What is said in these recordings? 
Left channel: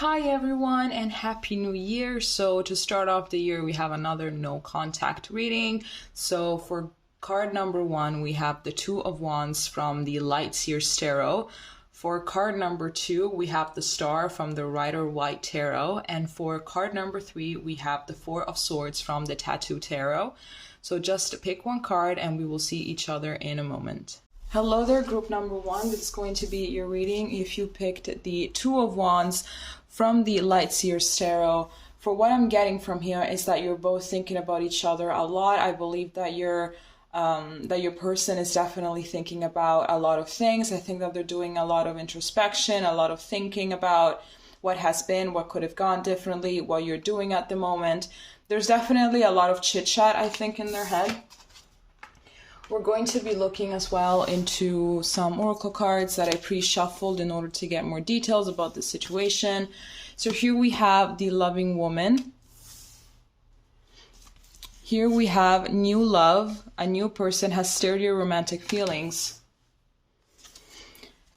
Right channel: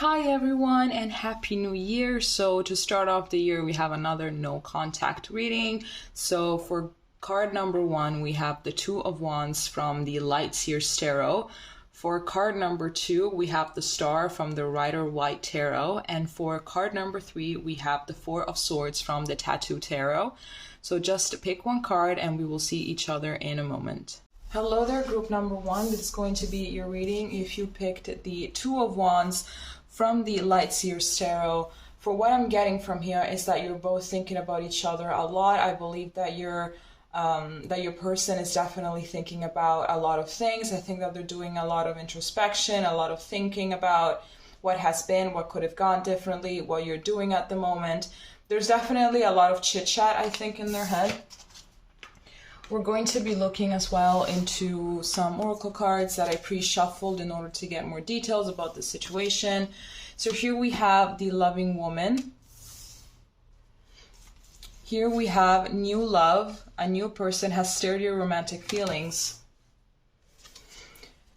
Hi everyone and happy new year. So to start off the year we have another no contact reading. So for card number 1 we have the Two of Wands from the Light Seers Tarot. For card number 2 we have the Star from the Rider Waite Tarot, and for card number 3 we have the Four of Swords from the Tattoo Tarot. So just pick one card and we will see each other in a moment. Hello there, group number 1. This is going to be your reading if you picked the Two of Wands from the Light Seers Tarot. For what I'm getting from here is that you're both thinking about each other a lot. I believe that your person is definitely thinking about a lot of things. I think that they're doing a lot of introspection, a lot of thinking about what has been, what could have gone differently, what you're doing at the moment. There's definitely a lot of chit chat, I think, in their head. We're going to be looking as well into some oracle cards that I pre-shuffled in order to get more details about the situation. So here we have the Loving Woman. Here we have new love. A new person has stirred your romantic feelings.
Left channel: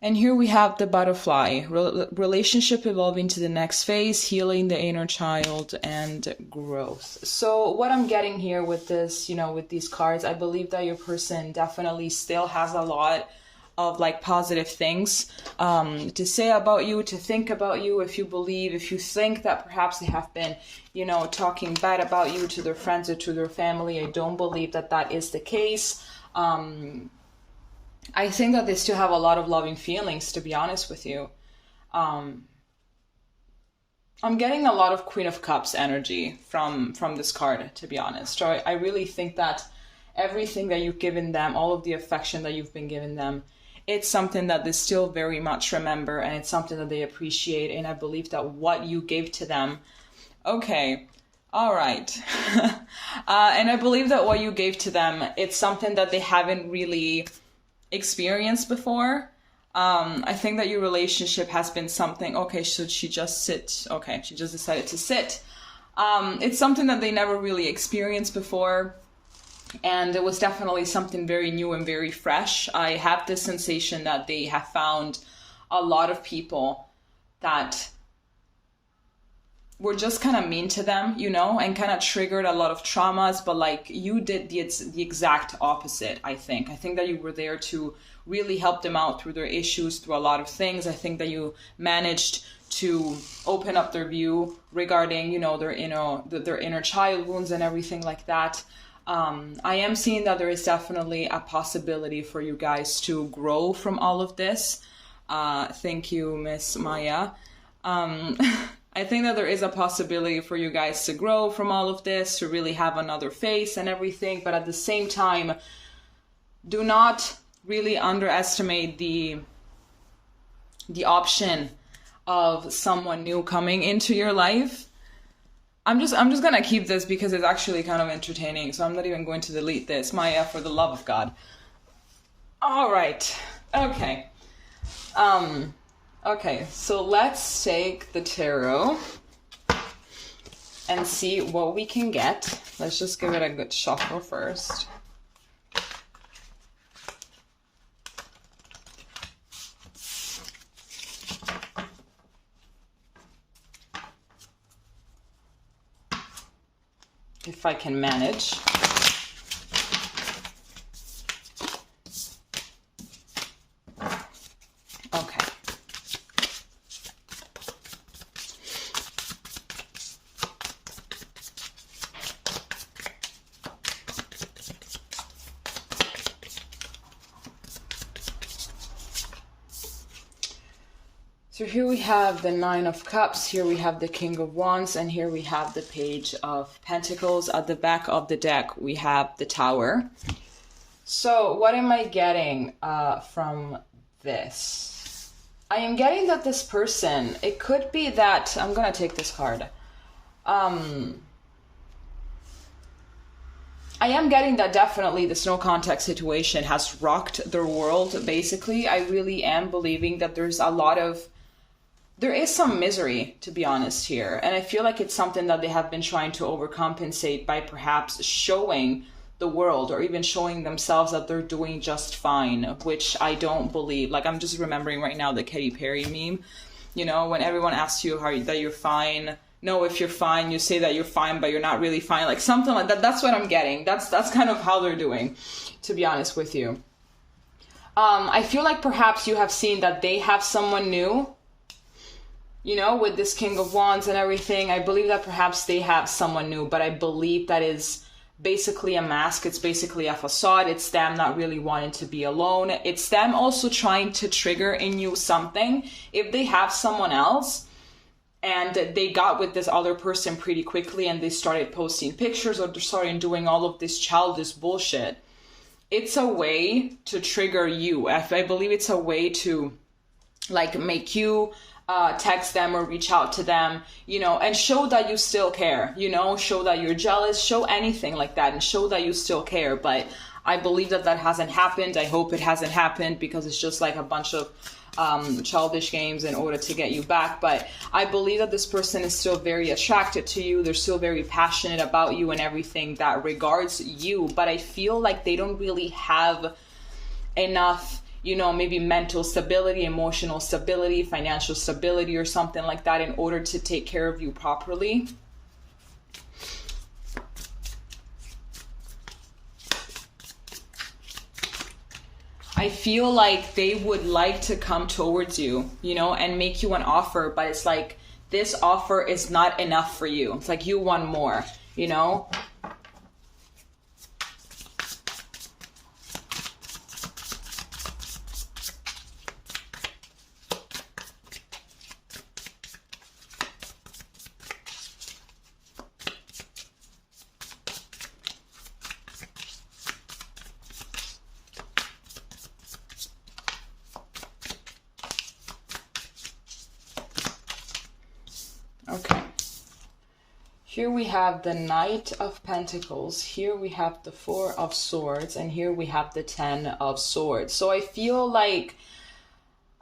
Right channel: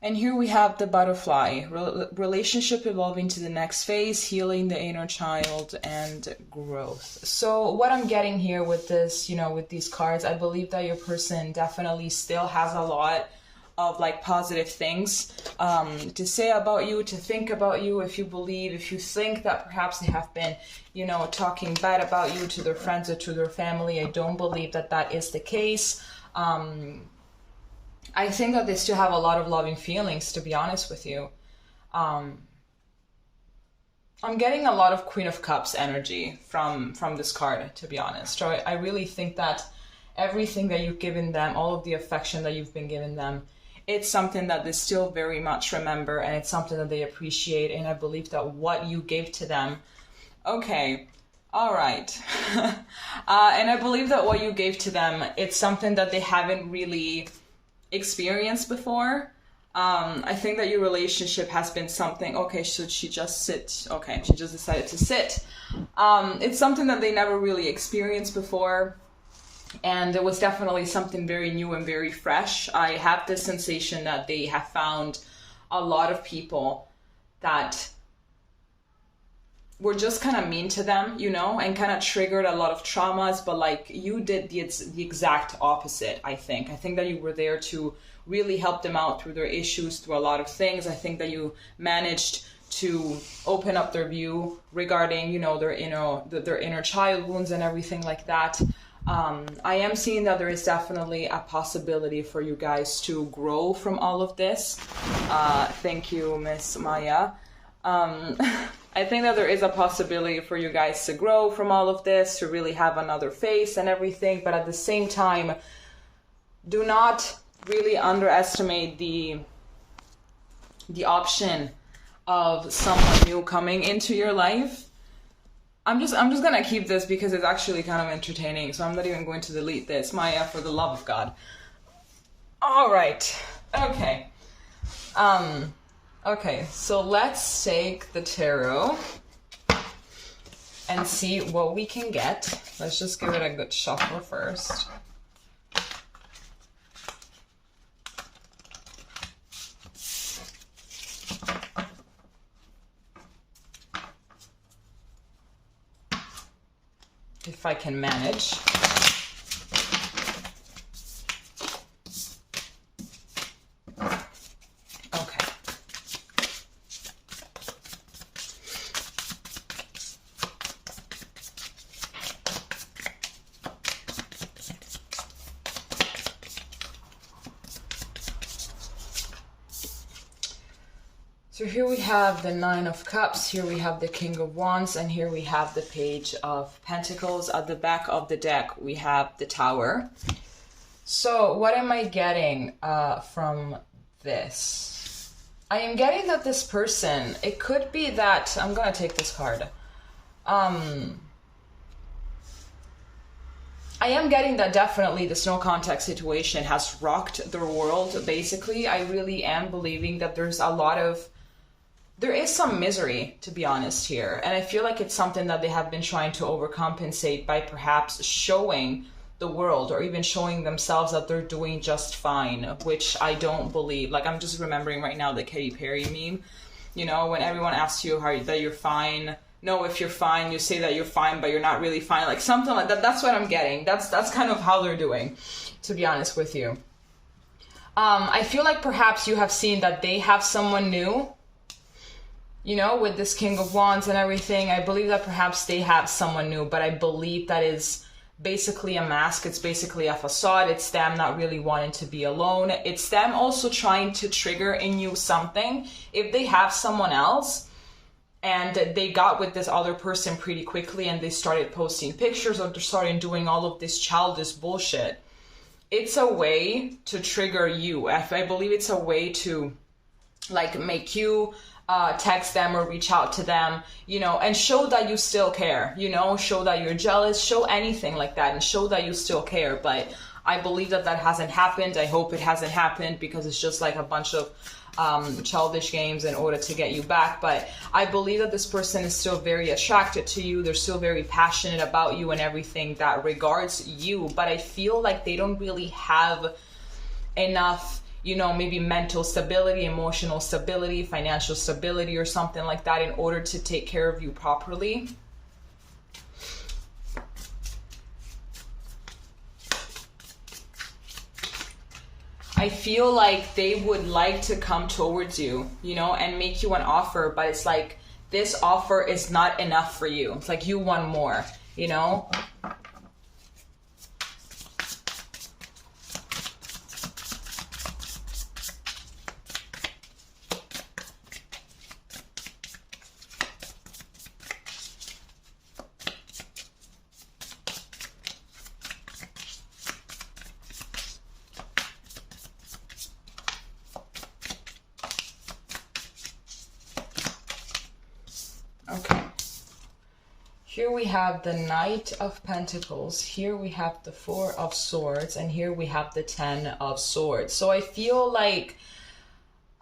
And here we have the Butterfly, relationship evolving to the next phase, healing the inner child, and growth. So what I'm getting here with this, with these cards, I believe that your person definitely still has a lot of positive things to say about you, to think about you. If you think that perhaps they have been, talking bad about you to their friends or to their family, I don't believe that that is the case. I think that they still have a lot of loving feelings, to be honest with you. I'm getting a lot of Queen of Cups energy from this card, to be honest. So I really think that everything that you've given them, all of the affection that you've been giving them, it's something that they still very much remember, and it's something that they appreciate. And I believe that what you gave to them, okay, all right. And I believe that what you gave to them, it's something that they haven't really experienced before. I think that your relationship has been something, okay, should she just sit? Okay, she just decided to sit. It's something that they never really experienced before, and it was definitely something very new and very fresh. I have this sensation that they have found a lot of people that were just kind of mean to them, and kind of triggered a lot of traumas, but you did the exact opposite, I think. I think that you were there to really help them out through their issues, through a lot of things. I think that you managed to open up their view regarding, their inner child wounds and everything like that. I am seeing that there is definitely a possibility for you guys to grow from all of this. Thank you, Miss Maya. I think that there is a possibility for you guys to grow from all of this, to really have another face and everything, but at the same time, do not really underestimate the option of someone new coming into your life. I'm just gonna keep this because it's actually kind of entertaining, so I'm not even going to delete this. Maya, for the love of God. All right. Okay. Okay, so let's take the tarot and see what we can get. Let's just give it a good shuffle first. If I can manage. So here we have the Nine of Cups, here we have the King of Wands, and here we have the Page of Pentacles. At the back of the deck, we have the Tower. So what am I getting from this? I am getting that this person, it could be that, I'm going to take this card. I am getting that definitely this no contact situation has rocked their world, basically. I really am believing that there is some misery, to be honest here. And I feel like it's something that they have been trying to overcompensate by perhaps showing the world or even showing themselves that they're doing just fine, which I don't believe. I'm just remembering right now the Katy Perry meme. You know, when everyone asks you that you're fine, no, if you're fine, you say that you're fine, but you're not really fine. Like something like that. That's what I'm getting. That's kind of how they're doing, to be honest with you. I feel like perhaps you have seen that they have someone new, you know, with this King of Wands and everything. I believe that perhaps they have someone new, but I believe that is basically a mask. It's basically a facade. It's them not really wanting to be alone. It's them also trying to trigger in you something. If they have someone else and they got with this other person pretty quickly and they started posting pictures or they started doing all of this childish bullshit, it's a way to trigger you. I believe it's a way to like make you text them or reach out to them, you know, and show that you still care, you know, show that you're jealous, show anything like that and show that you still care. But I believe that hasn't happened. I hope it hasn't happened because it's just like a bunch of childish games in order to get you back. But I believe that this person is still very attracted to you. They're still very passionate about you and everything that regards you. But I feel like they don't really have enough, you know, maybe mental stability, emotional stability, financial stability or something like that in order to take care of you properly. I feel like they would like to come towards you, you know, and make you an offer, but it's like this offer is not enough for you. It's like you want more, you know? Okay, here we have the Knight of Pentacles, here we have the Four of Swords, and here we have the Ten of Swords. So I feel like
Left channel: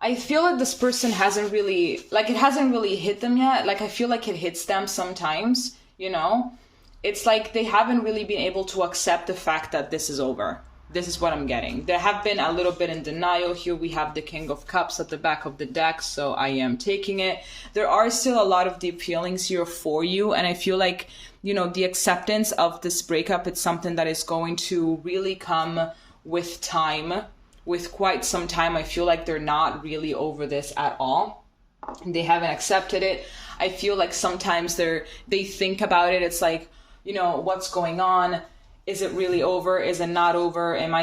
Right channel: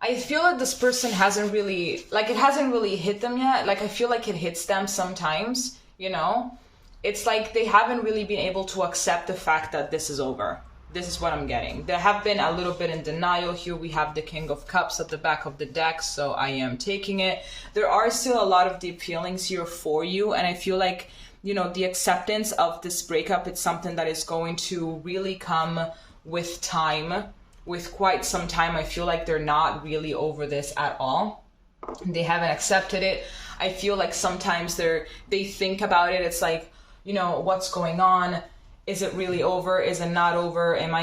this person hasn't really, like it hasn't really hit them yet. Like I feel like it hits them sometimes, you know? It's like they haven't really been able to accept the fact that this is over. This is what I'm getting. They have been a little bit in denial. Here we have the King of Cups at the back of the deck, so I am taking it. There are still a lot of deep feelings here for you, and I feel like, you know, the acceptance of this breakup, it's something that is going to really come with time, with quite some time. I feel like they're not really over this at all. They haven't accepted it. I feel like sometimes they think about it. It's like, you know, what's going on? Is it really over? Is it not over? What am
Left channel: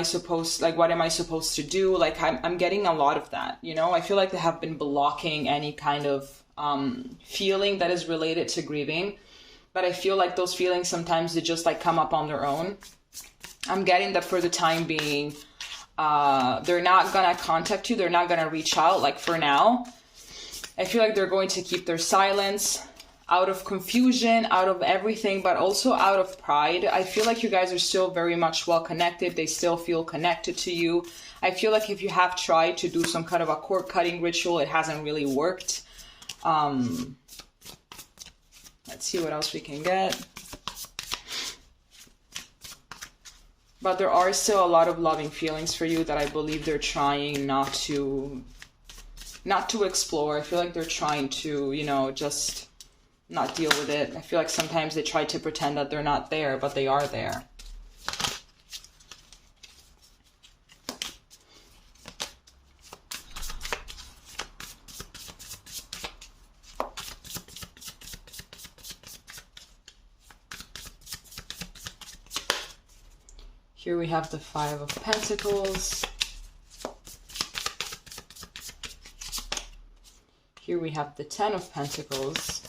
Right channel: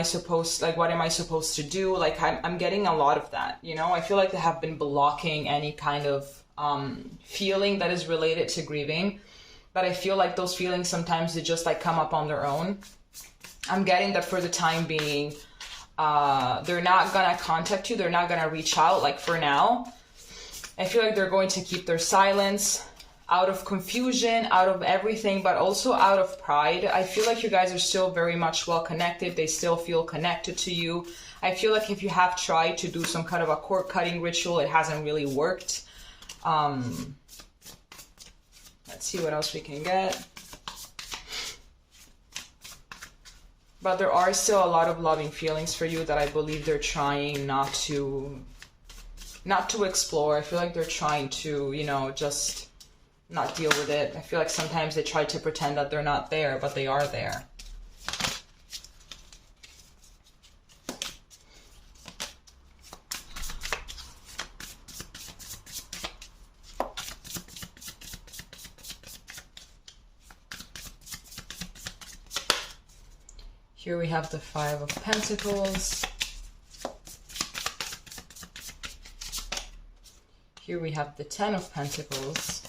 I supposed to do? Like, I'm getting a lot of that, you know? I feel like they have been blocking any kind of feeling that is related to grieving. But I feel like those feelings sometimes they just like come up on their own. I'm getting that for the time being, they're not gonna contact you. They're not gonna reach out, like for now. I feel like they're going to keep their silence, out of confusion, out of everything, but also out of pride. I feel like you guys are still very much well connected. They still feel connected to you. I feel like if you have tried to do some kind of a cord cutting ritual, it hasn't really worked. Let's see what else we can get. But there are still a lot of loving feelings for you that I believe they're trying not to explore. I feel like they're trying to, you know, just not deal with it. I feel like sometimes they try to pretend that they're not there, but they are there. Here we have the Five of Pentacles. Here we have the Ten of Pentacles.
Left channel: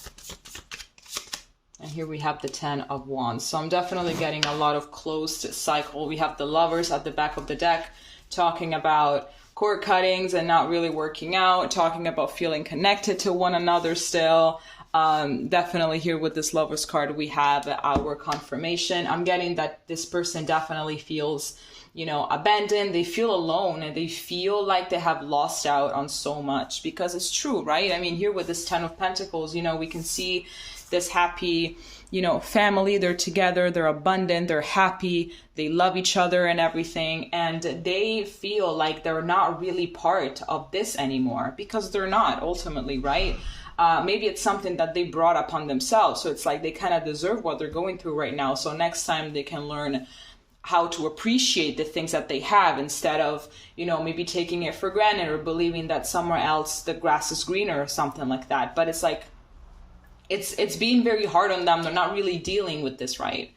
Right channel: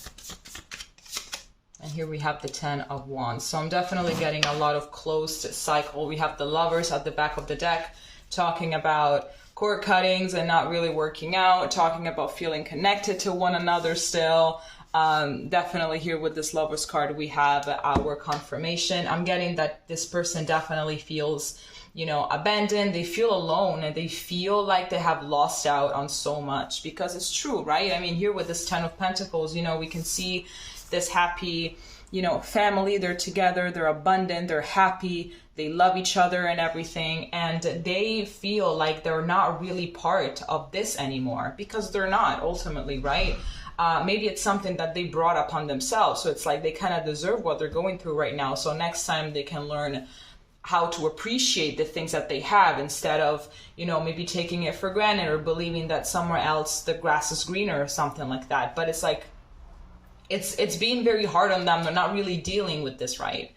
And here we have the Ten of Wands. So I'm definitely getting a lot of closed cycle. We have the Lovers at the back of the deck talking about cord cuttings and not really working out, talking about feeling connected to one another still. Definitely here with this Lovers card, we have our confirmation. I'm getting that this person definitely feels you know, abandoned, they feel alone, and they feel like they have lost out on so much, because it's true, right? I mean, here with this 10 of Pentacles, you know, we can see this happy, you know, family, they're together, they're abundant, they're happy, they love each other and everything, and they feel like they're not really part of this anymore, because they're not, ultimately, right? Maybe it's something that they brought upon themselves, so it's like they kind of deserve what they're going through right now, so next time they can learn how to appreciate the things that they have, instead of, you know, maybe taking it for granted or believing that somewhere else the grass is greener or something like that. But it's like, it's being very hard on them. They're not really dealing with this right.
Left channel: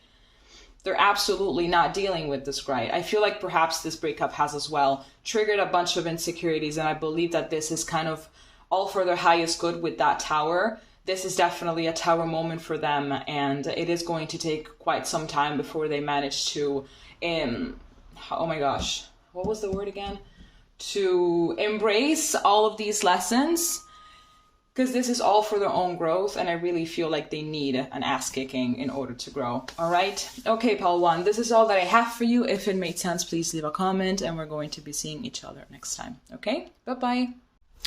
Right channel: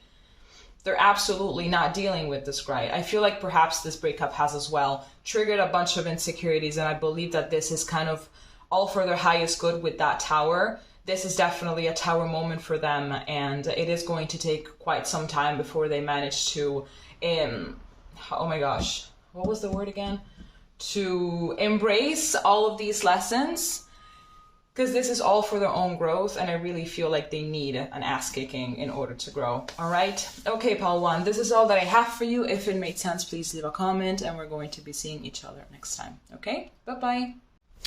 They're absolutely not dealing with this right. I feel like perhaps this breakup has as well triggered a bunch of insecurities, and I believe that this is kind of all for their highest good with that Tower. This is definitely a Tower moment for them, and it is going to take quite some time before they manage to, oh my gosh, what was the word again? To embrace all of these lessons, because this is all for their own growth, and I really feel like they need an ass kicking in order to grow. All right. Okay, Pile 1, this is all that I have for you. If it made sense, please leave a comment, and we're going to be seeing each other next time. Okay, bye-bye.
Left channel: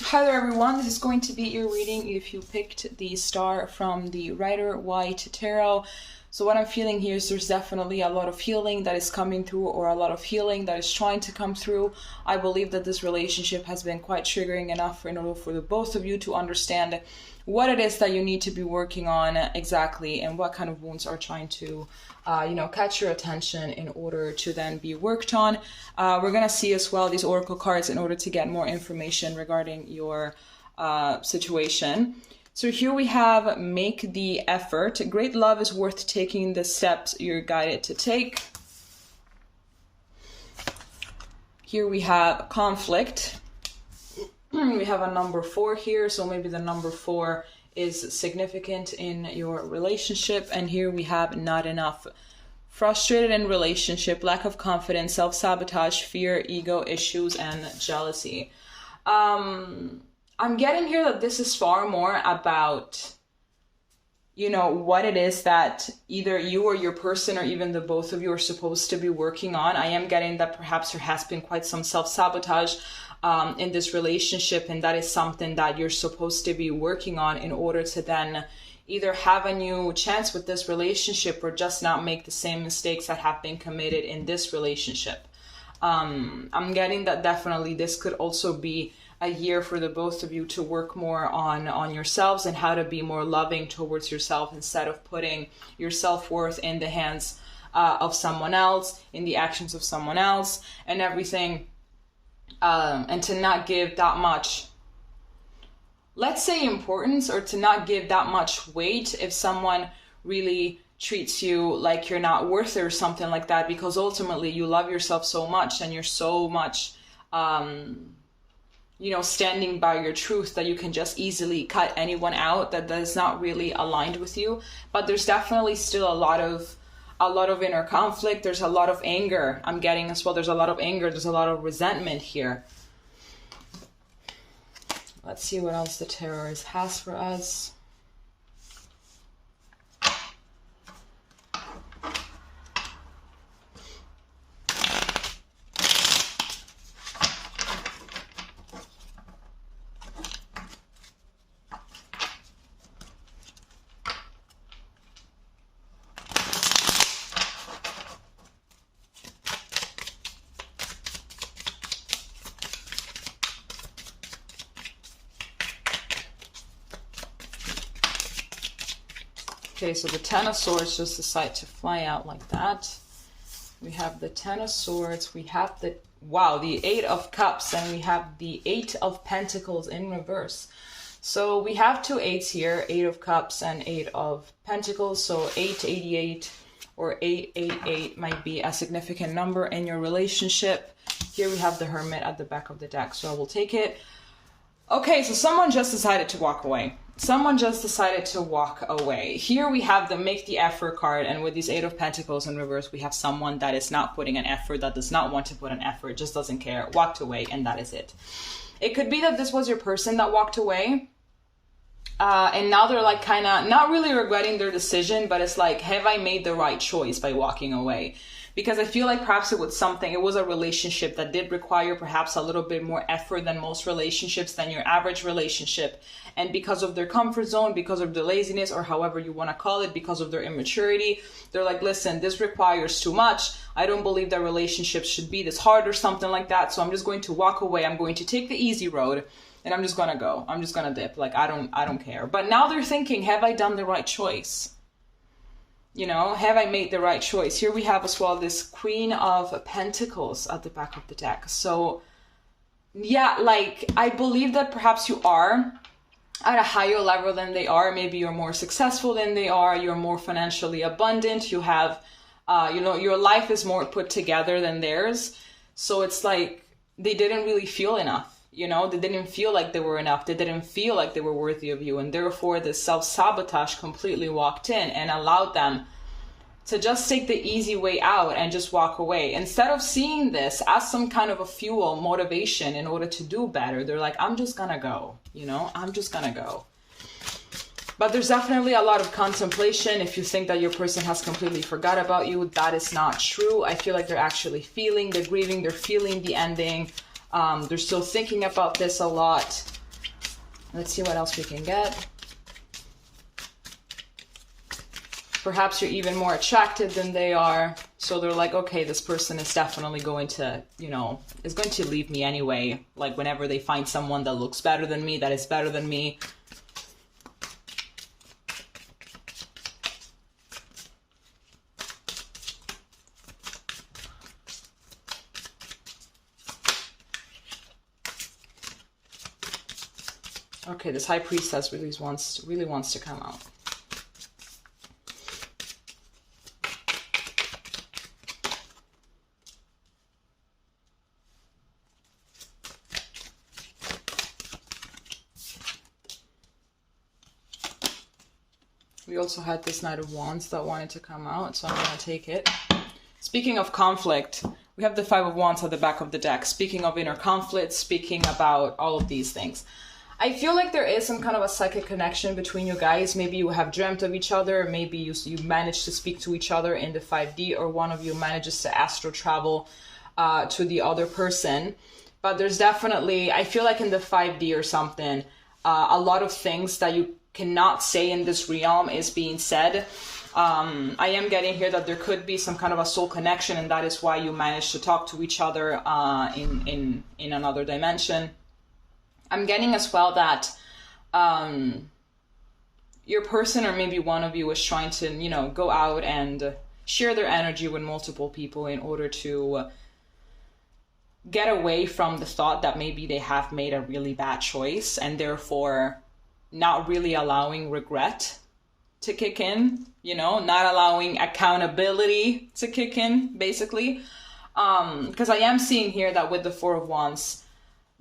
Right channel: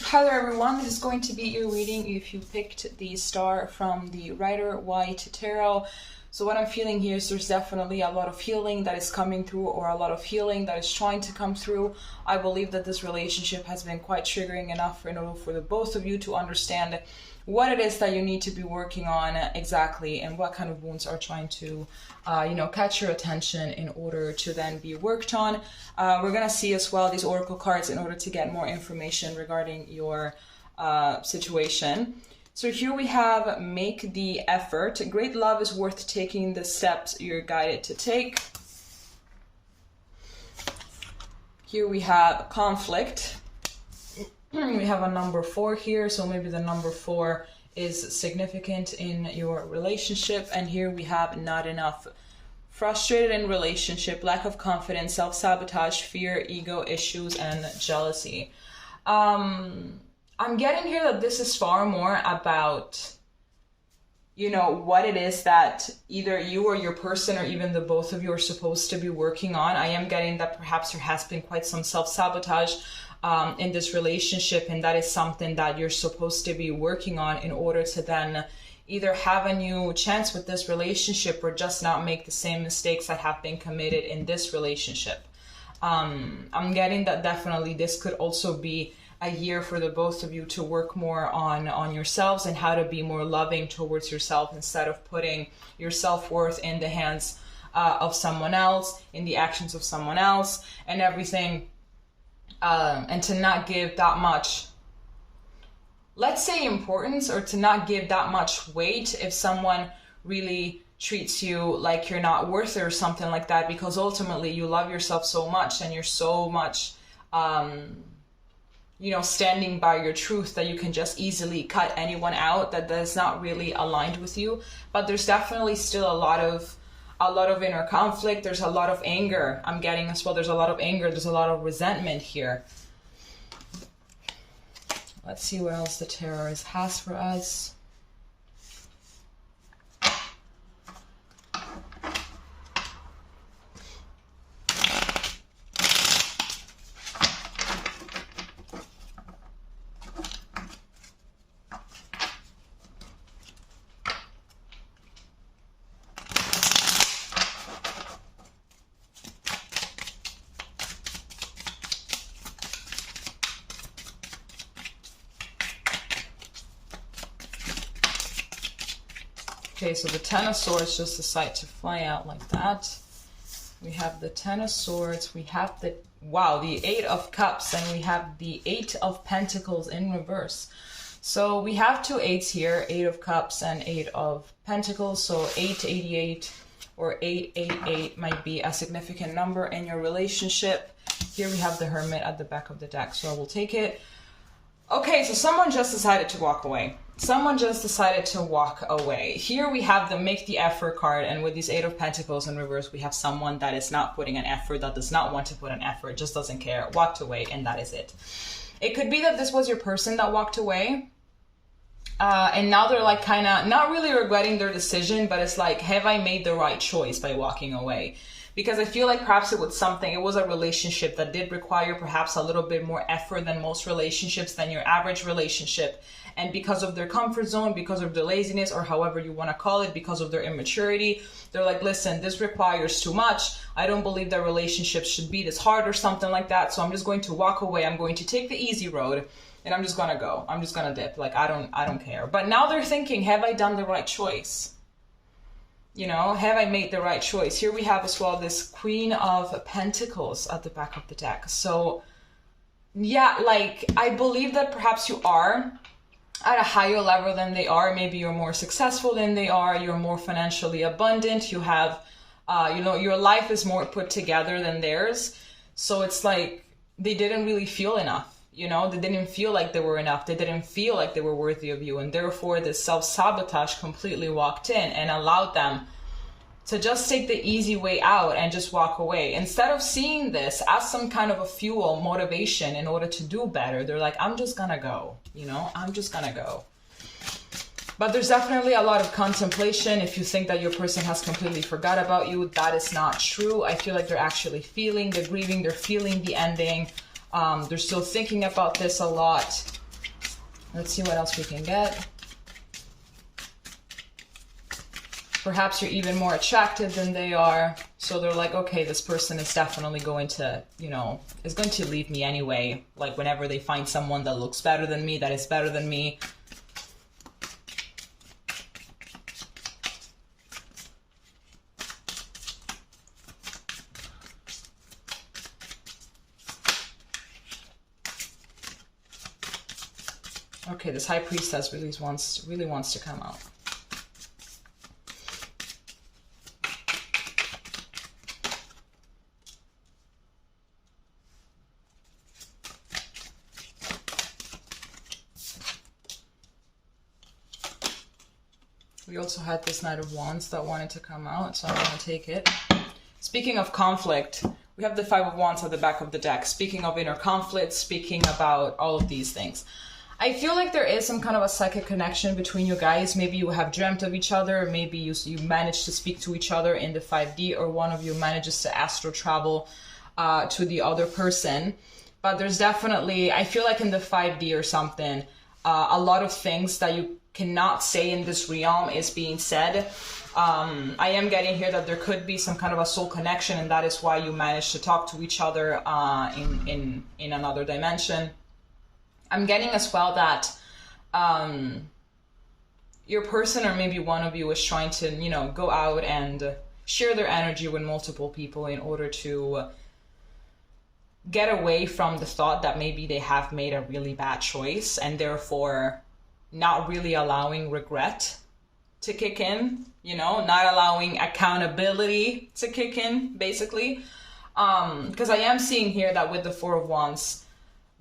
Hi there, everyone. This is going to be your reading if you picked the star from the Rider-Waite Tarot. So what I'm feeling here is there's definitely a lot of healing that is coming through, or a lot of healing that is trying to come through. I believe that this relationship has been quite triggering enough in order for the both of you to understand what it is that you need to be working on exactly, and what kind of wounds are trying to you know, catch your attention in order to then be worked on. We're going to see as well these oracle cards in order to get more information regarding your situation. So here we have make the effort. Great love is worth taking the steps you're guided to take. Here we have conflict. We have a number 4 here, so maybe the number 4 is significant in your relationship. And here we have not enough. Frustrated in relationship, lack of confidence, self-sabotage, fear, ego issues, and jealousy. I'm getting here that this is far more about, you know, what it is that either you or your person, or even the both of you, are supposed to be working on. I am getting that perhaps there has been quite some self-sabotage in this relationship, and that is something that you're supposed to be working on in order to then either have a new chance with this relationship, or just not make the same mistakes that have been committed in this relationship. I'm getting that definitely this could also be a year for the both of you to work more on yourselves, and how to be more loving towards yourself, instead of putting your self-worth in the hands of someone else, in the actions of someone else and everything. And to not give that much, let's say, importance, or to not give that much weight if someone really treats you like you're not worth it or something like that, because ultimately you love yourself so much, and you're so much, you know, standing by your truth, that you can just easily cut anyone out that is not really aligned with you. But there's definitely still a lot of inner conflict. There's a lot of anger. I'm getting as well. There's a lot of anger. There's a lot of resentment here. Let's see what else the tarot has for us. Okay, so the Ten of Swords just decide to fly out like that. We have the Ten of Swords, we have the, wow, the Eight of Cups, and we have the Eight of Pentacles in reverse. So we have two eights here, Eight of Cups and Eight of Pentacles. So 888 or 888 might be a significant number in your relationship. Here we have the Hermit at the back of the deck, so I will take it. Okay, so someone just decided to walk away. Someone just decided to walk away. Here we have the Make the Effort card, and with these Eight of Pentacles in reverse, we have someone that is not putting an effort, that does not want to put an effort, just doesn't care, walked away, and that is it. It could be that this was your person that walked away, and now they're like kind of not really regretting their decision, but it's like, have I made the right choice by walking away? because I feel like perhaps it was a relationship that did require perhaps a little bit more effort than most relationships, than your average relationship. And because of their comfort zone, because of their laziness, or however you want to call it, because of their immaturity, they're like, listen, this requires too much. I don't believe that relationships should be this hard or something like that. So I'm just going to walk away. I'm going to take the easy road, and I'm just going to go. I'm just going to dip. Like, I don't care. But now they're thinking, have I done the right choice? You know, have I made the right choice? Here we have as well this Queen of Pentacles at the back of the deck. So yeah, like, I believe that perhaps you are at a higher level than they are. Maybe you're more successful than they are. You're more financially abundant. You have, you know, your life is more put together than theirs. So it's like they didn't really feel enough. You know, they didn't feel like they were enough. They didn't feel like they were worthy of you. And therefore, this self-sabotage completely walked in and allowed them to just take the easy way out and just walk away. Instead of seeing this as some kind of a fuel, motivation in order to do better, they're like, I'm just gonna go, you know, I'm just gonna go. But there's definitely a lot of contemplation. If you think that your person has completely forgot about you, that is not true. I feel like they're actually feeling, they're grieving, they're feeling the ending. They're still thinking about this a lot. Let's see what else we can get. Perhaps you're even more attractive than they are. So they're like, okay, this person is definitely going to, you know, is going to leave me anyway. Like whenever they find someone that looks better than me, that is better than me. Okay, this High Priestess really wants to come out. We also had this Knight of Wands that wanted to come out, so I'm going to take it. Speaking of conflict, we have the Five of Wands at the back of the deck. Speaking of inner conflict, speaking about all of these things. I feel like there is some kind of a psychic connection between you guys. Maybe you have dreamt of each other. Maybe you managed to speak to each other in the 5D, or one of you manages to astral travel to the other person. But there's definitely, I feel like in the 5D or something, a lot of things that you cannot say in this realm is being said. I am getting here that there could be some kind of a soul connection, and that is why you managed to talk to each other in another dimension. I'm getting as well that your person, or maybe one of you, is trying to, you know, go out and share their energy with multiple people in order to get away from the thought that maybe they have made a really bad choice, and therefore not really allowing regret to kick in, you know, not allowing accountability to kick in, basically. Because I am seeing here that with the Four of Wands,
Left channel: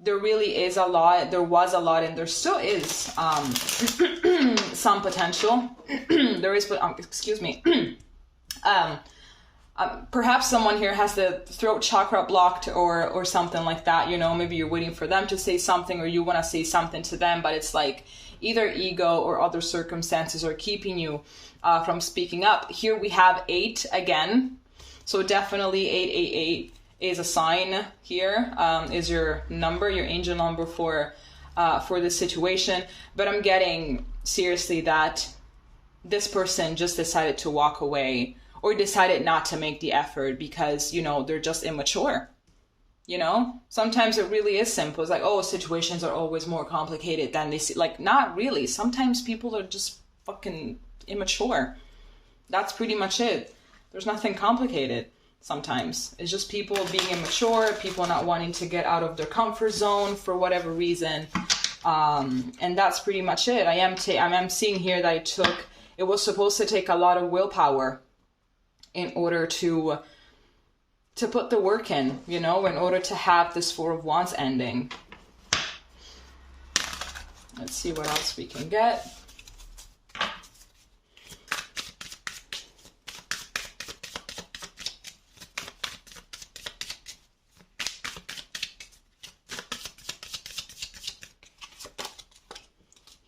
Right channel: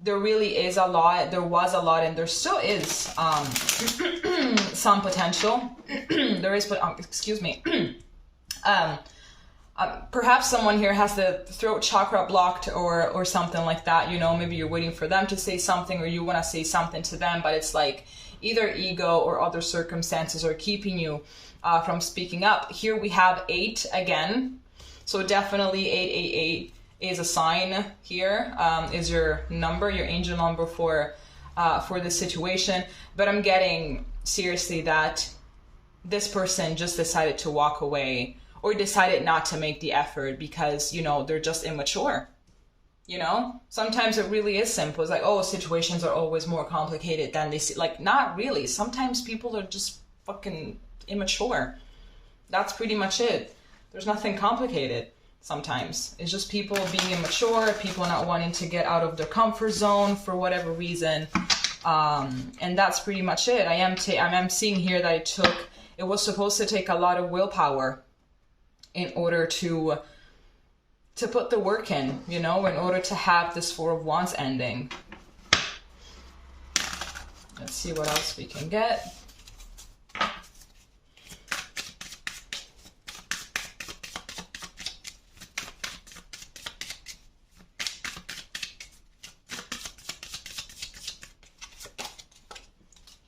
there really is a lot, there was a lot, and there still is some potential. There is, but excuse me. Perhaps someone here has the throat chakra blocked or something like that, you know, maybe you're waiting for them to say something, or you want to say something to them, but it's like either ego or other circumstances are keeping you from speaking up. Here we have 8 again. So definitely 888 is a sign here, is your number, your angel number for this situation. But I'm getting seriously that this person just decided to walk away, or decided not to make the effort because, you know, they're just immature. You know, sometimes it really is simple. It's like, oh, situations are always more complicated than they see. Like, not really. Sometimes people are just fucking immature. That's pretty much it. There's nothing complicated. Sometimes it's just people being immature, people not wanting to get out of their comfort zone for whatever reason, and that's pretty much it. I am seeing here that it was supposed to take a lot of willpower in order to put the work in, you know, in order to have this Four of Wands ending. Let's see what else we can get.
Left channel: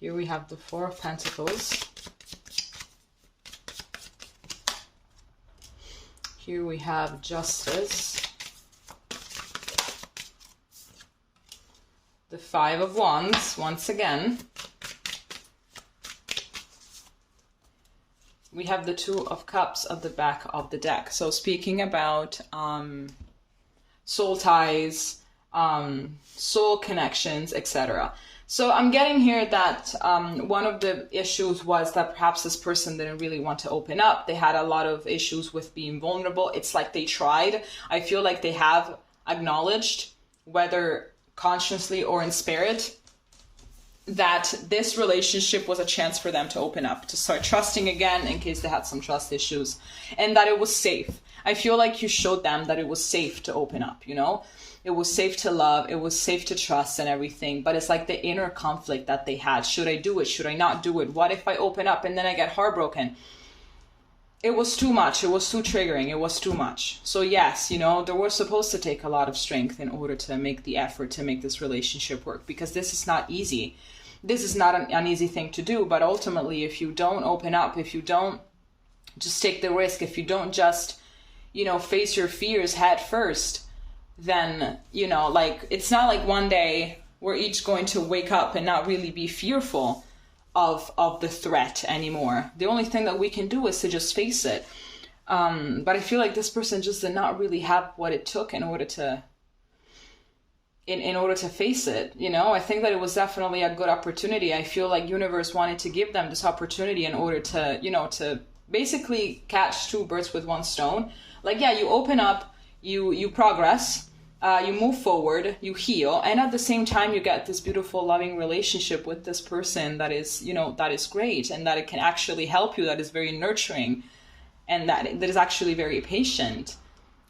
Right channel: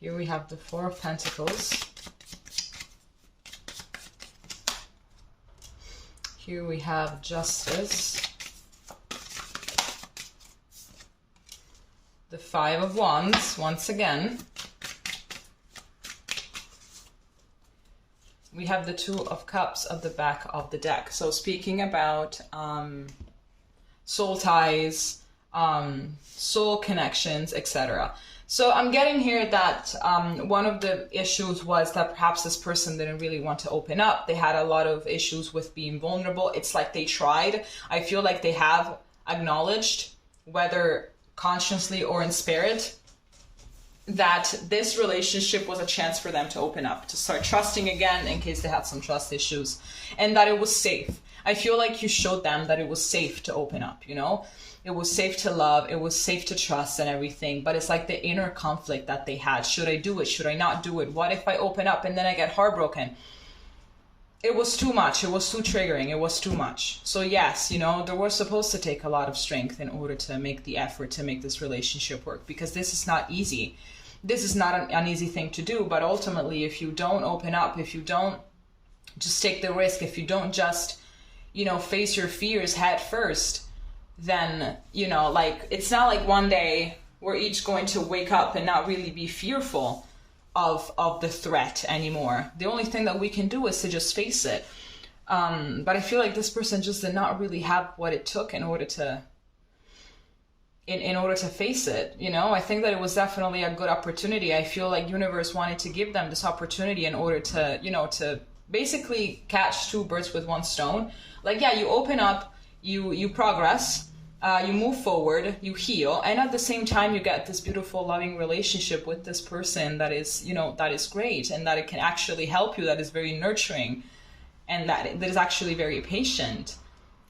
Here we have the Four of Pentacles. Here we have Justice. The Five of Wands, once again. We have the Two of Cups at the back of the deck. So speaking about soul ties, soul connections, etc. So I'm getting here that one of the issues was that perhaps this person didn't really want to open up. They had a lot of issues with being vulnerable. It's like they tried. I feel like they have acknowledged, whether consciously or in spirit, that this relationship was a chance for them to open up, to start trusting again in case they had some trust issues, and that it was safe. I feel like you showed them that it was safe to open up, you know? It was safe to love, it was safe to trust and everything, but it's like the inner conflict that they had. Should I do it? Should I not do it? What if I open up and then I get heartbroken? It was too much. It was too triggering. It was too much. So yes, you know, there was supposed to take a lot of strength in order to make the effort to make this relationship work, because this is not easy. This is not an easy thing to do, but ultimately, if you don't open up, if you don't just take the risk, if you don't just, you know, face your fears head first, then, you know, like, it's not like one day we're each going to wake up and not really be fearful of the threat anymore. The only thing that we can do is to just face it. But I feel like this person just did not really have what it took in order to face it, you know. I think that it was definitely a good opportunity. I feel like universe wanted to give them this opportunity in order to, you know, to basically catch two birds with one stone. Like, yeah, you open up, you progress, you move forward, you heal, and at the same time you get this beautiful loving relationship with this person that is, you know, that is great, and that it can actually help you, that is very nurturing, and that is actually very patient,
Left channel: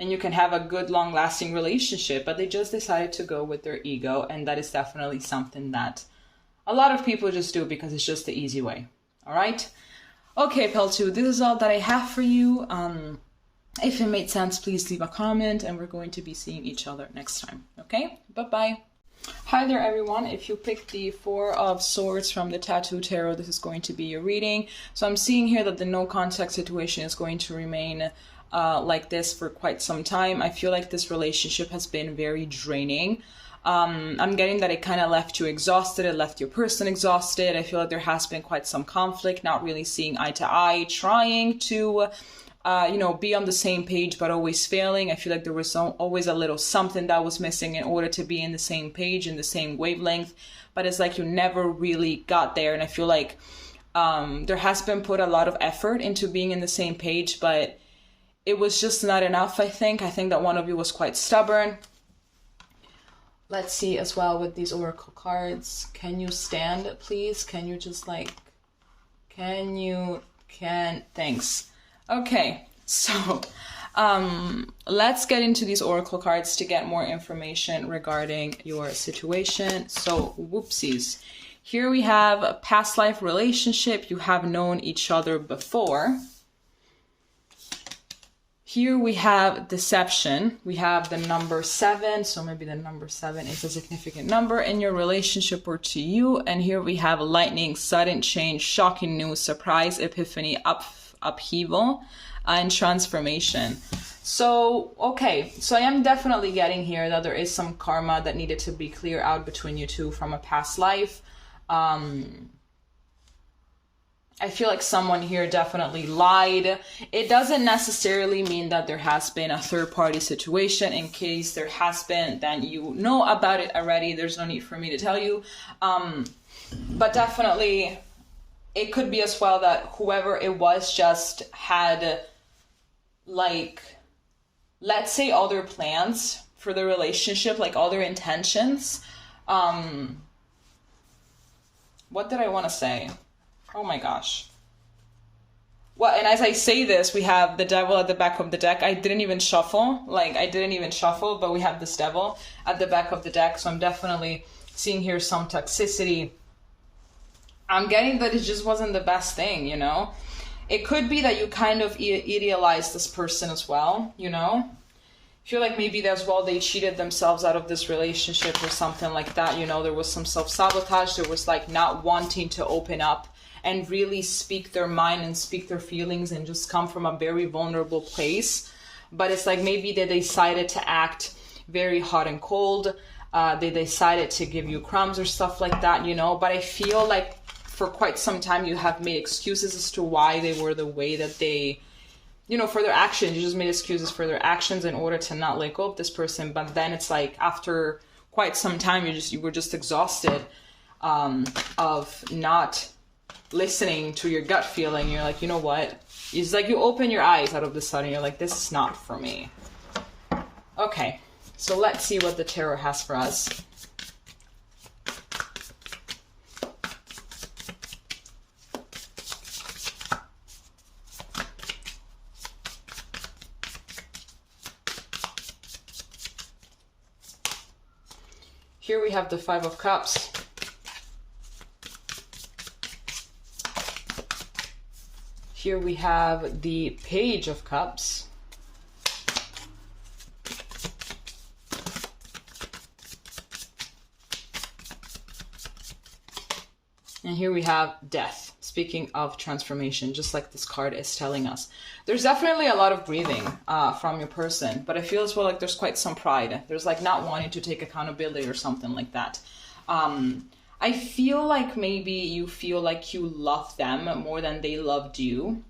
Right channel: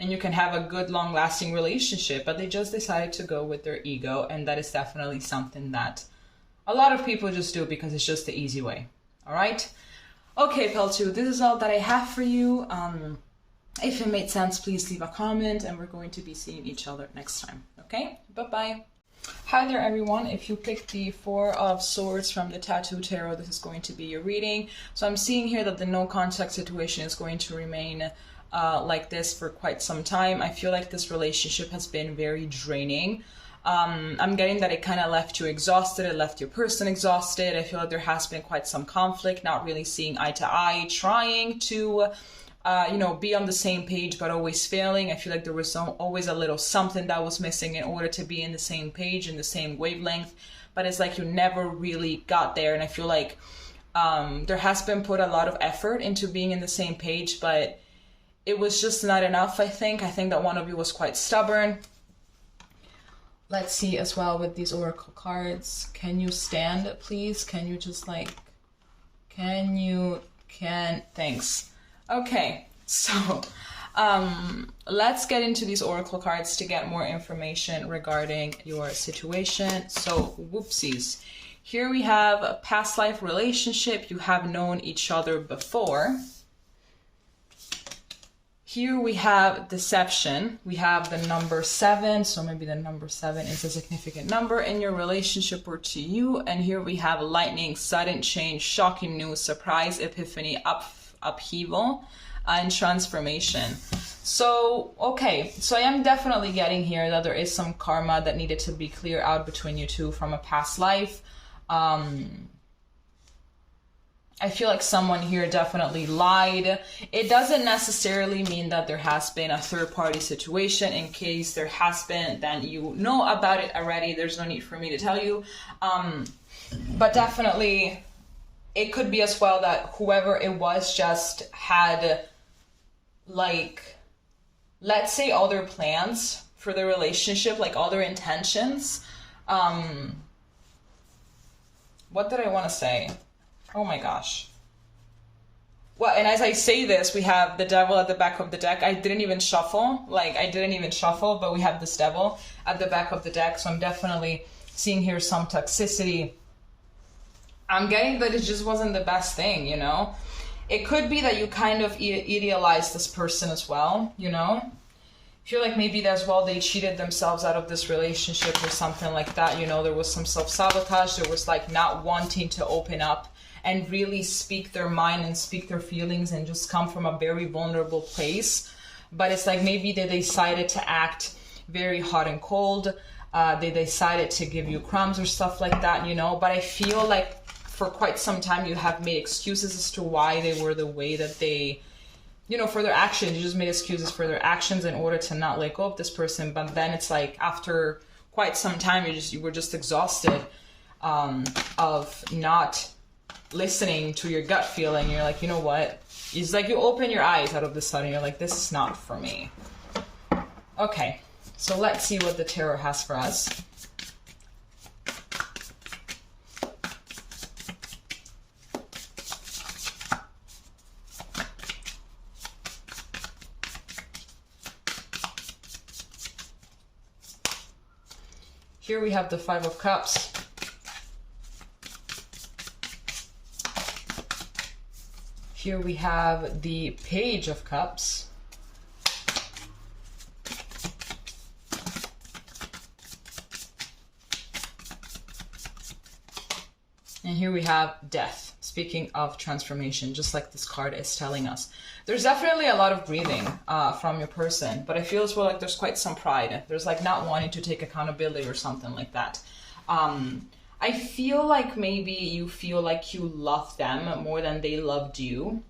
and you can have a good long-lasting relationship. But they just decided to go with their ego, and that is definitely something that a lot of people just do because it's just the easy way. All right? Okay, Pel2, this is all that I have for you. If it made sense, please leave a comment, and we're going to be seeing each other next time. Okay? Bye-bye. Hi there, everyone. If you picked the Four of Swords from the Tattoo Tarot, this is going to be your reading. So I'm seeing here that the no contact situation is going to remain like this for quite some time. I feel like this relationship has been very draining. I'm getting that it kind of left you exhausted. It left your person exhausted. I feel like there has been quite some conflict, not really seeing eye to eye, trying to you know, be on the same page, but always failing. I feel like there was always a little something that was missing in order to be in the same page, in the same wavelength. But it's like you never really got there. And I feel like there has been put a lot of effort into being in the same page, but it was just not enough, I think. I think that one of you was quite stubborn. Let's see as well with these oracle cards. Can you stand, please? Can you just like, thanks. Okay, so let's get into these oracle cards to get more information regarding your situation. So, whoopsies. Here we have a past life relationship. You have known each other before. Here we have deception. We have the number 7. So maybe the number 7 is a significant number in your relationship or to you. And here we have lightning, sudden change, shocking news, surprise, epiphany, upheaval, and transformation. So, okay, so I am definitely getting here that there is some karma that needed to be cleared out between you two from a past life. I feel like someone here definitely lied. It doesn't necessarily mean that there has been a third-party situation. In case there has been, then you know about it already. There's no need for me to tell you. But definitely, it could be as well that whoever it was just had, like, let's say other plans for the relationship, like other intentions. What did I want to say? Oh my gosh. Well, and as I say this, we have the devil at the back of the deck. I didn't even shuffle, but we have this devil at the back of the deck. So I'm definitely seeing here some toxicity. I'm getting that it just wasn't the best thing, you know? It could be that you kind of idealized this person as well, you know? I feel like maybe as well they cheated themselves out of this relationship or something like that, you know? There was some self-sabotage. There was like not wanting to open up and really speak their mind and speak their feelings and just come from a very vulnerable place. but it's like maybe they decided to act very hot and cold. They decided to give you crumbs or stuff like that, you know, but I feel like for quite some time you have made excuses as to why they were the way that they, you know, for their actions. You just made excuses for their actions in order to not let go of this person. But then it's like after quite some time, you were just exhausted of not listening to your gut feeling. You're like, you know what? It's like you open your eyes out of the sudden. You're like, this is not for me. Okay, so let's see what the tarot has for us. Here we have the Five of Cups. Here we have the Page of Cups. And here we have Death, speaking of transformation, just like this card is telling us. There's definitely a lot of grieving from your person, but I feel as well like there's quite some pride. There's like not wanting to take accountability or something like that. I feel like maybe you feel like you love them more than they loved you,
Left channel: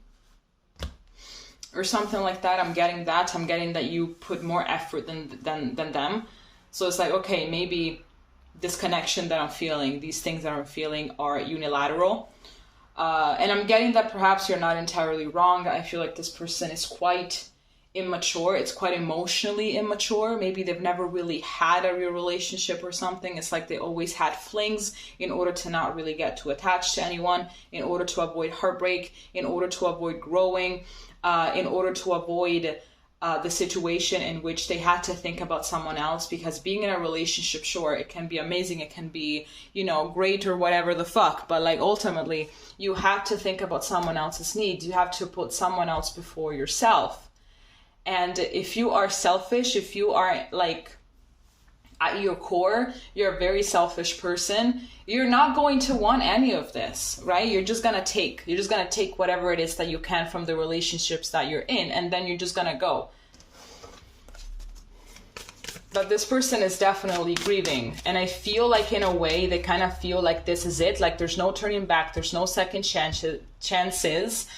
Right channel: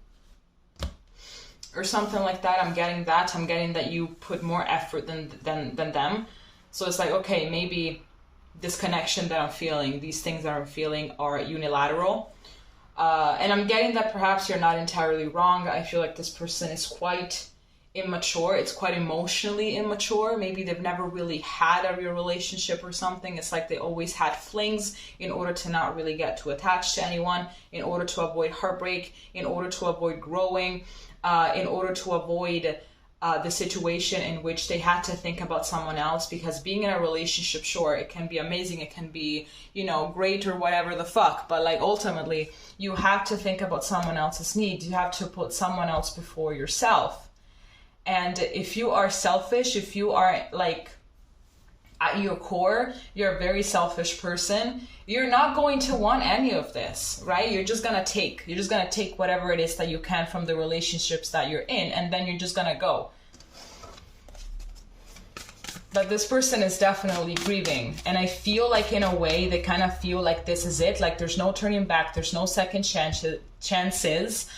or something like that. I'm getting that. I'm getting that you put more effort than them. So it's like, okay, maybe this connection that I'm feeling, these things that I'm feeling are unilateral. And I'm getting that perhaps you're not entirely wrong. I feel like this person is quite immature. It's quite emotionally immature. Maybe they've never really had a real relationship or something. It's like they always had flings in order to not really get too attached to anyone, in order to avoid heartbreak, in order to avoid growing, in order to avoid the situation in which they had to think about someone else. Because being in a relationship, sure, it can be amazing, it can be, you know, great or whatever the fuck, but like ultimately you have to think about someone else's needs. You have to put someone else before yourself. And if you are selfish, if you are like at your core, you're a very selfish person, you're not going to want any of this, right? You're just gonna take whatever it is that you can from the relationships that you're in, and then you're just gonna go. But this person is definitely grieving, and I feel like in a way they kind of feel like this is it, like there's no turning back, there's no second chances.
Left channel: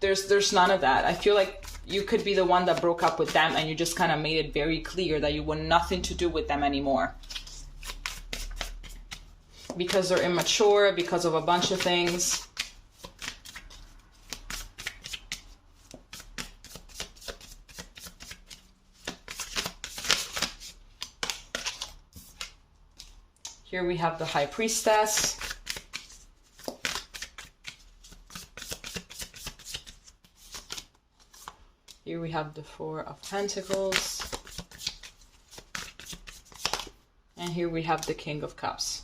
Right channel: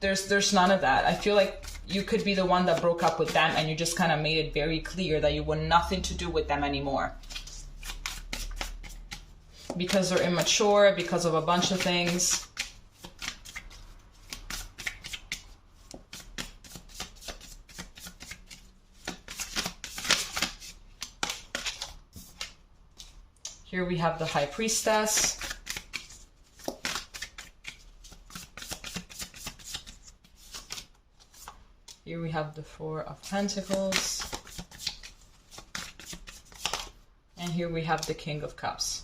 There's none of that. I feel like you could be the one that broke up with them and you just kind of made it very clear that you want nothing to do with them anymore. Because they're immature, because of a bunch of things. Here we have the High Priestess. Here we have the Four of Pentacles. And here we have the King of Cups.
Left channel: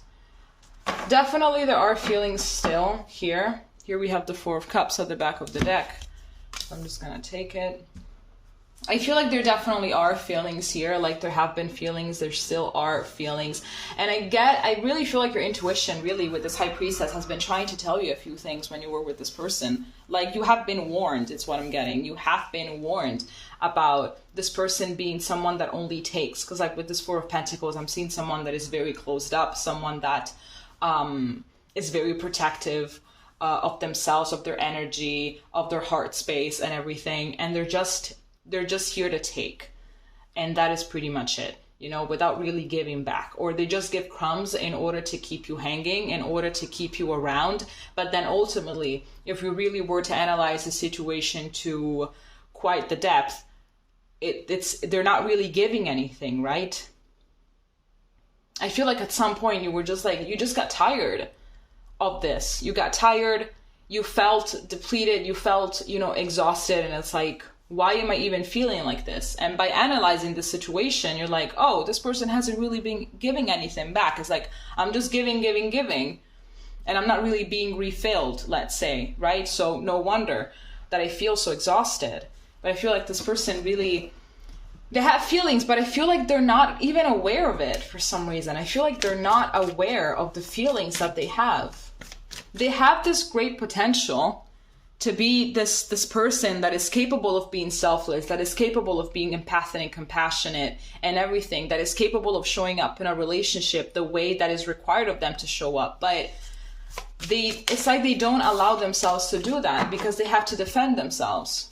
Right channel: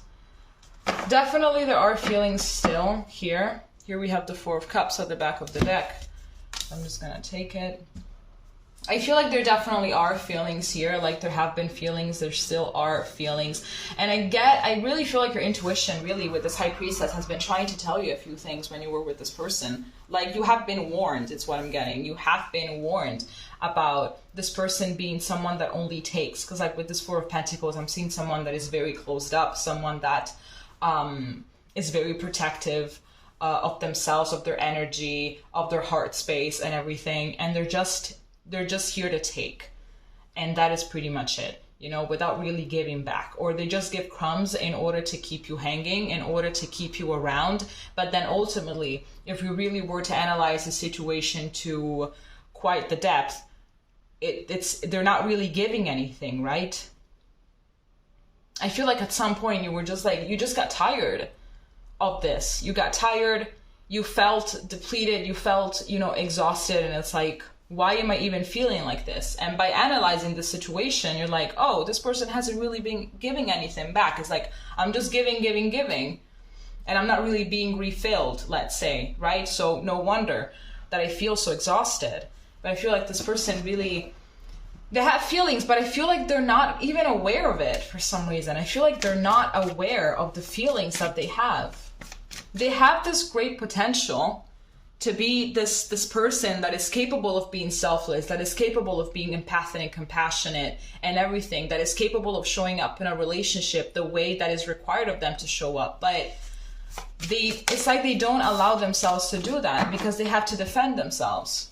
Definitely there are feelings still here. Here we have the Four of Cups at the back of the deck. I'm just gonna take it. I feel like there definitely are feelings here, like there have been feelings, there still are feelings. And I really feel like your intuition really with this High Priestess has been trying to tell you a few things when you were with this person. Like you have been warned, it's what I'm getting. You have been warned about this person being someone that only takes. Because like with this Four of Pentacles, I'm seeing someone that is very closed up, someone that is very protective of themselves, of their energy, of their heart space and everything. And they're just here to take, and that is pretty much it, you know, without really giving back. Or they just give crumbs in order to keep you hanging, in order to keep you around. But then ultimately, if we really were to analyze the situation to quite the depth, they're not really giving anything, right? I feel like at some point you were just like, you just got tired of this. You got tired, you felt depleted, you felt, you know, exhausted, and it's like, why am I even feeling like this? And by analyzing the situation, you're like, oh, this person hasn't really been giving anything back. It's like, I'm just giving, and I'm not really being refilled, let's say, right? So no wonder that I feel so exhausted. But I feel like this person really, they have feelings, but I feel like they're not even aware of it for some reason. I feel like they're not aware of the feelings that they have. They have this great potential to be this person that is capable of being selfless, that is capable of being empathic and compassionate and everything, that is capable of showing up in a relationship the way that is required of them to show up. But it's like they don't allow themselves to do that because they have to defend themselves.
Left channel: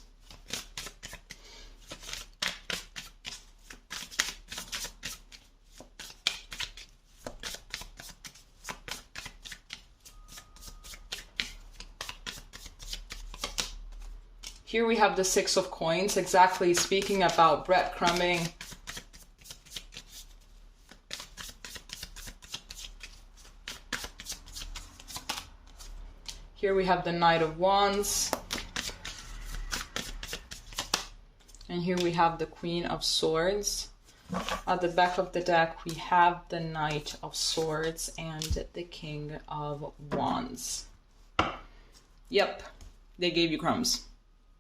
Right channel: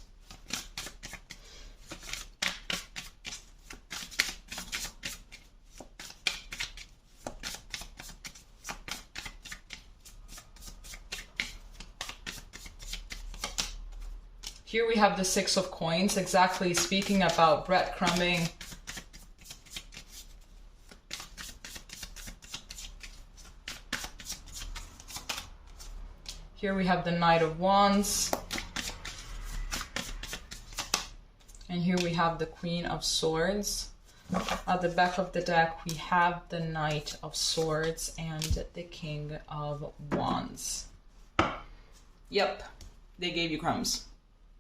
Here we have the Six of Coins, exactly speaking about breadcrumbing. Here we have the Knight of Wands. And here we have the Queen of Swords. At the back of the deck, we have the Knight of Swords and the King of Wands. Yep, they gave you crumbs.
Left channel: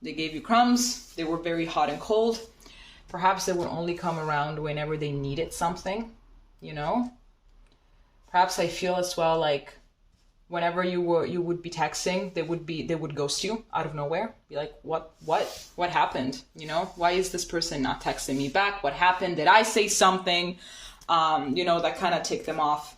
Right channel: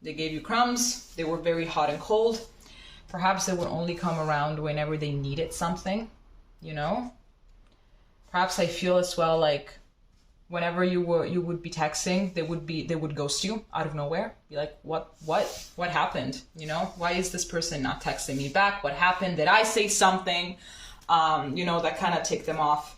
They gave you crumbs. They were very hot and cold. Perhaps they would only come around whenever they needed something, you know? Perhaps I feel as well like whenever you would be texting, they would ghost you out of nowhere. Be like, what happened? You know, why is this person not texting me back? What happened? Did I say something? You know, that kind of ticked them off.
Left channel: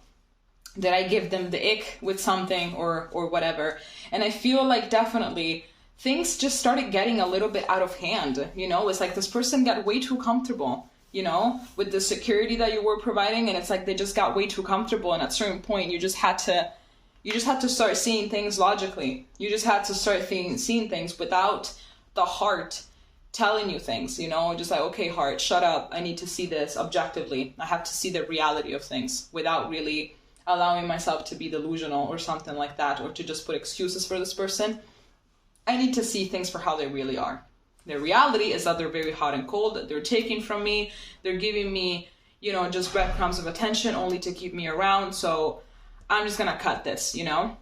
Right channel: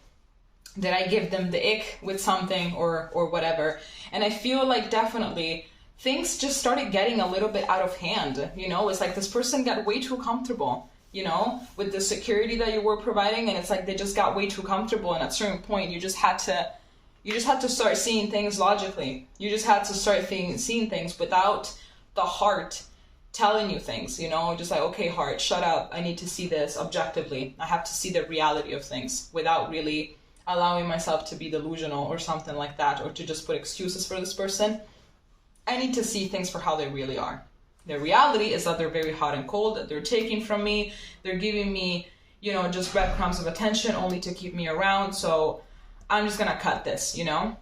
Did I give them the ick with something or whatever? And I feel like definitely things just started getting a little bit out of hand. You know, it's like this person got way too comfortable, you know, with the security that you were providing. And it's like they just got way too comfortable. And at a certain point, you just had to start seeing things logically. You just had to start seeing things without the heart telling you things, you know, just like, okay, heart, shut up. I need to see this objectively. I have to see the reality of things without really allowing myself to be delusional or something like that, or to just put excuses for this person. I need to see things for how they really are. The reality is that they're very hot and cold, that they're taking from me. They're giving me, you know, just breadcrumbs of attention only to keep me around. So I'm just gonna cut this, you know?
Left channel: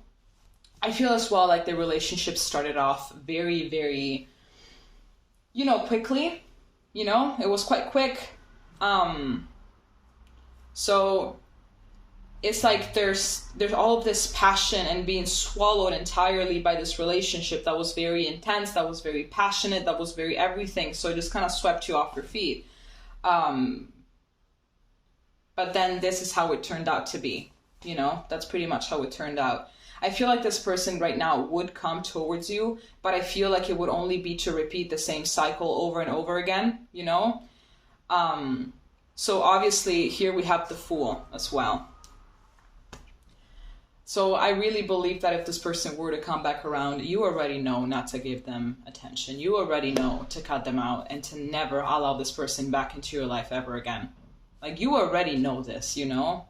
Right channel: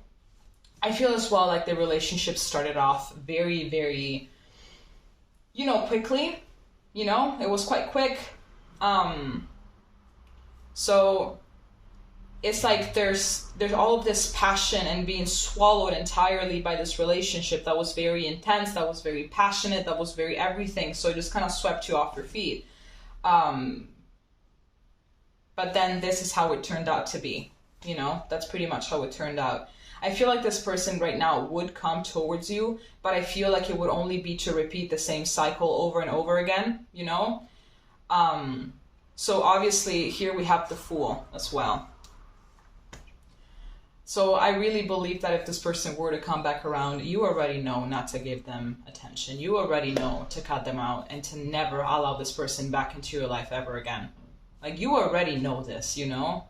I feel as well like the relationship started off very, very, you know, quickly. You know, it was quite quick. So it's like there's all of this passion and being swallowed entirely by this relationship that was very intense, that was very passionate, that was very everything. So it just kind of swept you off your feet. But then this is how it turned out to be. You know, that's pretty much how it turned out. I feel like this person right now would come towards you, but I feel like it would only be to repeat the same cycle over and over again, you know? So obviously here we have the Fool as well. So I really believe that if this person were to come back around, you already know not to give them attention. You already know to cut them out and to never allow this person back into your life ever again. Like, you already know this, you know?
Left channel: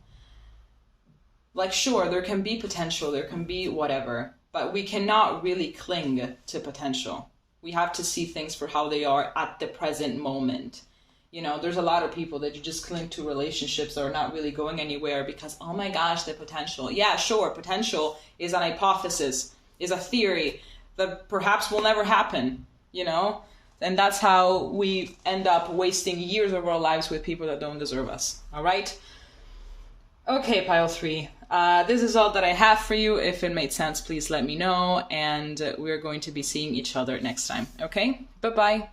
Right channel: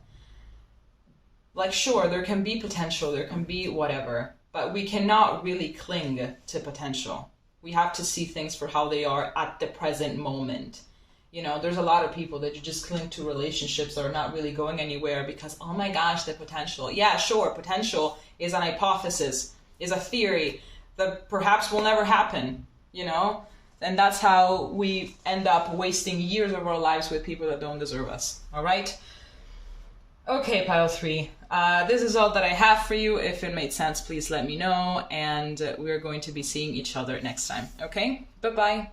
Like, sure, there can be potential, there can be whatever, but we cannot really cling to potential. We have to see things for how they are at the present moment. You know, there's a lot of people that you just cling to relationships that are not really going anywhere because, oh my gosh, the potential. Yeah, sure, potential is an hypothesis, is a theory that perhaps will never happen, you know? And that's how we end up wasting years of our lives with people that don't deserve us, all right? Okay, pile 3. This is all that I have for you. If it made sense, please let me know. And we're going to be seeing each other next time, okay? Bye-bye.